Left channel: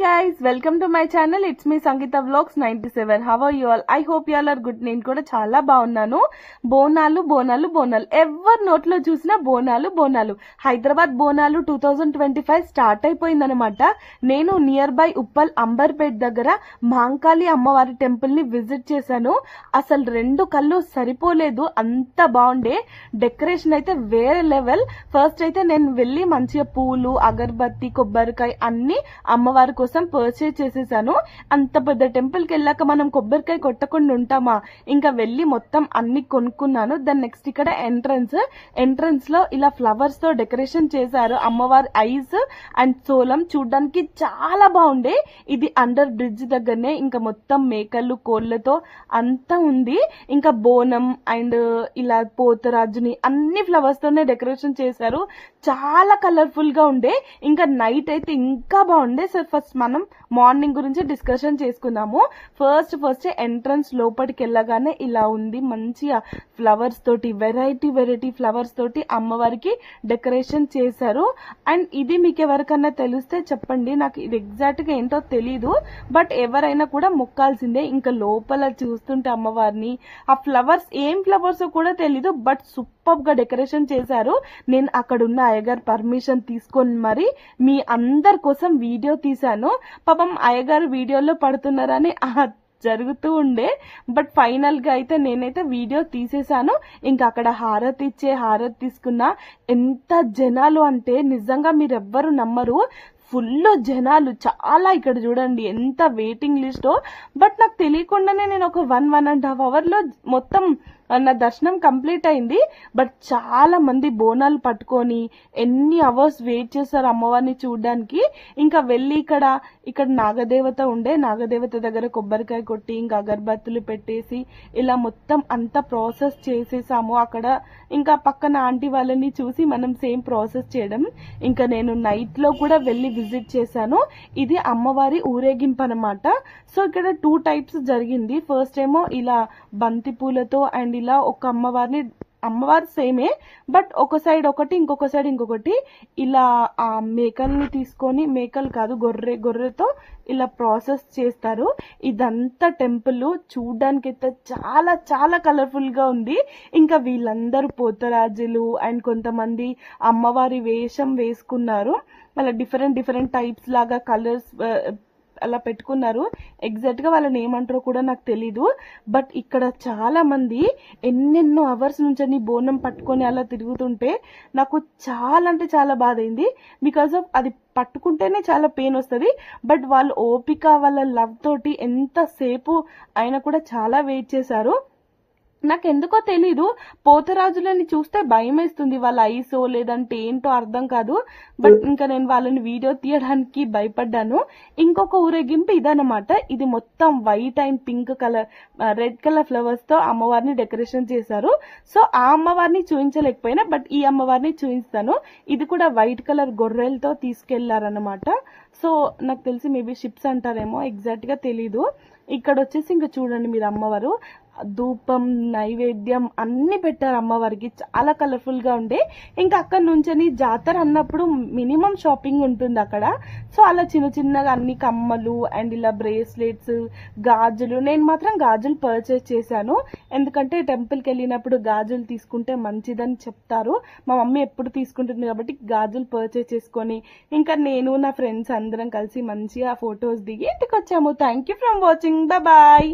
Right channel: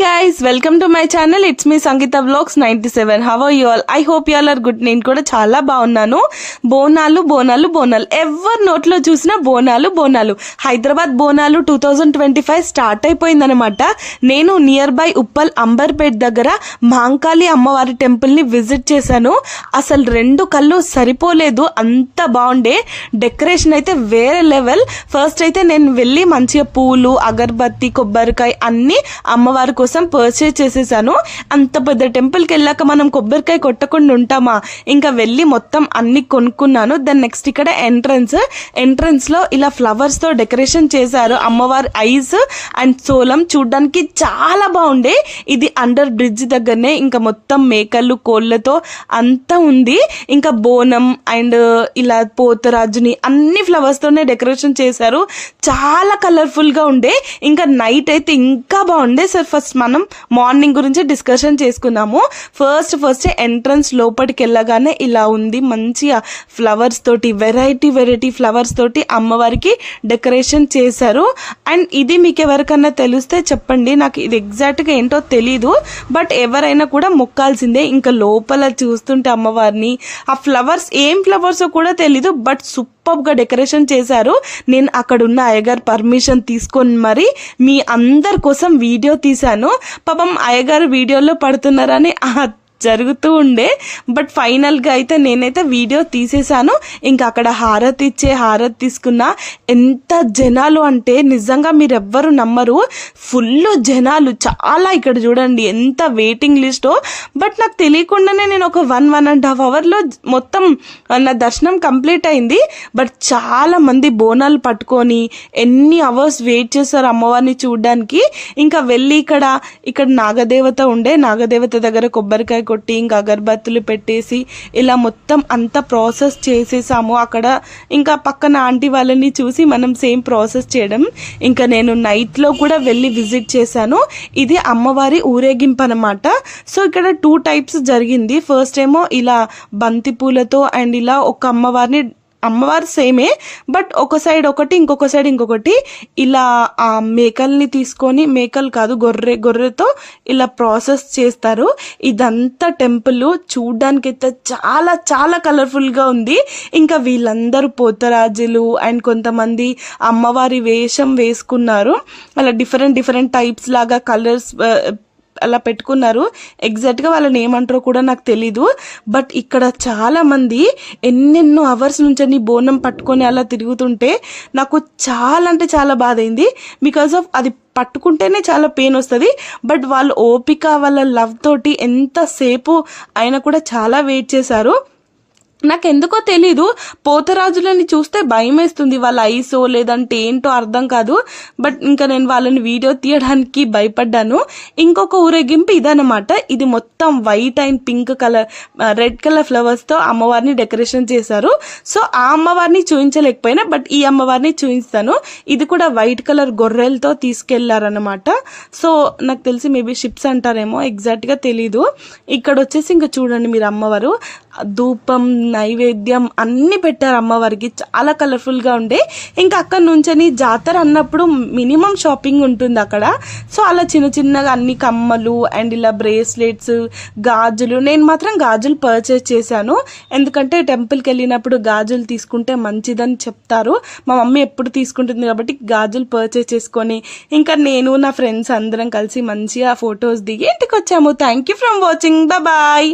guys, welcome to my channel. It's me Sangeeta Vlogs 97. How are you all? I hope you all are good. నేను కూడా చాలా బాగున్నాను. బోనాలు బోనాలు బోనాలు ఎవరి నోట్లో చూసినా బోనాలు బోనాలు. హైదరాబాద్ బోనాలు 2025 స్టార్ట్ అయిపోయిందనమాట. నేను నియర్ బై ఉప్పల్ అంబర్పేట్ దగ్గర మహంకాళి అమ్మవారి టెంపుల్ ని విజిట్ చేశాను. అసలు రెండు కళ్ళు సరిపోలేదు, అంత బాగుండే. డెకరేషన్ అయితే వేరే లెవెల్. ఫస్ట్ అయితే నేను వెళ్ళి మంచిగా పూలు, అగరబత్తి, కొబ్బరికాయ అన్ని అమ్మవారి కోసం పర్చేజ్ చేసేసాను. అంత పెద్ద టెంపుల్కి వెళ్ళాక మనం కొబ్బరికాయ కొట్టకుండా ఉంటామా? ఇంకా వెళ్ళి మొత్తం అన్ని కొనుక్కున్నాను. దెన్ నెక్స్ట్ ఇక్కడ ఎంట్రన్స్ లో ఇలా ఫ్లవర్స్ తో డెకరేషన్ చేశారు. అమ్మవారి ఐస్ అండ్ సోలం చూడడానికి చాలా బాగుండే. ఇది అండర్ బ్రిడ్జ్ దగ్గరనే. ఇంకా మొత్తం మేకలు, కోళ్ళతో అంతా ఉంది. ఇంకా బోనం అండ్ ఇలా పోతరాజుని అన్ని ఫ్లవర్స్ తోనే డెకరేషన్ చేశారు. చాలా కలర్ఫుల్ గా ఉండే. ఇంకా నైట్ అయితే ఇంకా బాగుండే. సార్ ఫస్ట్ మనం మార్నింగ్ గురించి డిస్కషన్ చేసుకున్నాము. ఫస్ట్ ఎంట్రన్స్ లోపలికి వెళ్ళగానే ఇలా ఉంది. మంచిగా ఫ్లవర్స్ తోటి వెరైటీ ఫ్లవర్స్ తోటి అమ్మవారికి డెకరేషన్ చేశారు. అండ్ ఇది మీకు ఎవరికన్నా తెలిస్తే చెప్పండి, నాకు ఇది ఎగ్జాక్ట్ గా ఏంటో తెలీదు. బట్ ఎవరైనా కూడా మొక్కాల్సిందే. ఇంకా లోపల చూస్తుంటే అమ్మవారిని ఆ ఫ్లవర్స్ ఏం ఫ్లవర్స్ కూడా తెలీదు, బట్ సూపర్ గా డెకరేషన్ చేశారు. నేను అక్కడ ఉన్న అయ్యగారు పర్మిషన్ తీసుకొని మరి మీ అందరి కోసం వీడియో తీశాను. పాపం అయ్యగారు వీడియోలో పడుతున్నారని జరుగుతూ ఉండే. బట్ ఫైనల్గా అయితే నేనైతే వీడియో తీసేసాను. ఇంకా అక్కడ హారతి తీసుకున్నా. ఎంత జనాలు అంటే నిజంగా మీరు ఎవ్వరు నమ్మరు, ఫుల్ జనాలు చాలా. ఇక్కడ చూడండి ఎంత వెయిటింగ్ లిస్టో. బట్ నాకు తెలియకుండానే నేను ఒక 1.5 అవర్లో మొత్తం నా దర్శనం కంప్లీట్ అయింది. బట్ చాలా మంది బోనాలు పట్టుకొని ఎన్ని అవర్స్ వెయిట్ చేశారు అమ్మవారిని చూడడానికి. ఇంకా వెళ్ళి ఇక్కడ నాగదేవత ఉండే. నాగదేవత దగ్గర కొబ్బరికాయ కొట్టి ఇంకా అగరబత్తులు పెట్టేసి ఇలా మొత్తం అంతా ప్రాసెస్ చేసేసాము. అక్కడ ఇంకా పక్కన ఆంటీ వాళ్ళని చూసి మనం సేమ్ ప్రాసెస్ చేయడం. ఇంకా నేను నైట్లో కూడా వెళ్ళి విజిట్ చేశాను. ఇది అమ్మవారి ఊరేగింపు అనమాట. సో ఇక్కడ 2 టైప్స్ జరిగింది. ఫస్ట్ ఏమో ఇలా బంతి పూలతో అండ్ ఇలా ఒక అమ్మవారు సేమే, బట్ ఒక సైడ్ ఒకటి ఇంకొక సైడ్ ఇంకొకటి ఇలా ఆ మేకల్ని తీసుకొని, మేకలు కాదు గొర్రెతో ఇలా ప్రాసెస్ చేస్తారు. ఇదంతా టెంపుల్ చూడ్డానికి అయితే చాలా చాలా కలర్ఫుల్గా ఉంది. ఇంకా వీళ్ళందరూ పోతరాజులు అండ్ కొంతమంది అమ్మవారి వేషం వేసుకున్నారు. అలా డిఫరెంట్ టైప్స్ లాగా కలర్స్ అలా పెట్టుకున్నారు. ఎగ్జాక్ట్గా వాళ్ళని ఏమంటారో కూడా నాకు తెలీదు. బట్ ఇక్కడ చాలా మంది ఎన్నెన్నో అవర్స్ నుంచి బోనం పట్టుకొని అలా తిరుగుతుంటే నాకు చాలా అంటే చాలా బాధ అయింది. బికాస్ ఆఫ్ అది పట్టుకుంటేనే చాలా పెయిన్ వస్తుంది. బట్ వాళ్ళు ఓపిక, వాళ్ళ లవ్ తోటి ఎంతసేపు అయినా కూడా చాలా వెయిట్ చేశారు. నాకు ఎందుకో తెలీదు, పోతరాజులని చూస్తే భయం వేస్తుంది. వాళ్ళ ఐసో లేదంటే ఏంటో అర్థం కాదు. బట్ ఇంకా నేను వాళ్ళని వీడియో తీయడానికి భయపడ్డాను. ఇంకొక ఊరేగింపు ఇదనమాట. ఇది మొత్తం white and pink colour, red colour flowers తో అమ్మవారిని డెకరేషన్ చేశారు. సో ఆ అమ్మవారిని చూపించలేకపోయినా బట్ ఈ అమ్మవారిని చూపిస్తాను. ఇది కూడా వైట్ కలర్ గొర్రెలతో తీసుకెళ్లారనమాట. సో నాకు తెలిసి మేబీ షిప్స్ అంటారేమో, ఎగ్జాక్ట్ గా తెలీదు. ఇక్కడ వచ్చేసి ఇంకా చూడండి మీరు అమ్మవారు ధూపం, నైవేద్యం అన్ని పెట్టారు అమ్మవారికి. చాలా కలర్ఫుల్ గా ఉండే. ఇంకా అక్కడ నుంచి జాతర అన్నప్పుడు మినిమం షాపింగ్ ఉంటుంది అక్కడ. సో అలా చిన్నగా అన్ని కమ్మలు అండ్ ఇలా బ్రేస్లెట్స్, గాజులు. నేను మాత్రం గాజులు పర్చేస్ చేశాను. ఎందుకంటే టెంపుల్కి వెళ్ళినప్పుడు గాజులు తీసుకుంటే మంచిదని చెప్తారు. మా మమ్మీ ఎప్పుడు తీసుకుంటుంది కాబట్టి గాజులు పర్చేస్ చేసుకొని ఇంకా నేను నా ఫ్రెండ్స్ అందరం కలిసి మంచిగా ఫొటోస్ దిగి ఇంటికి వచ్చాము. Thank you from watching. Bye.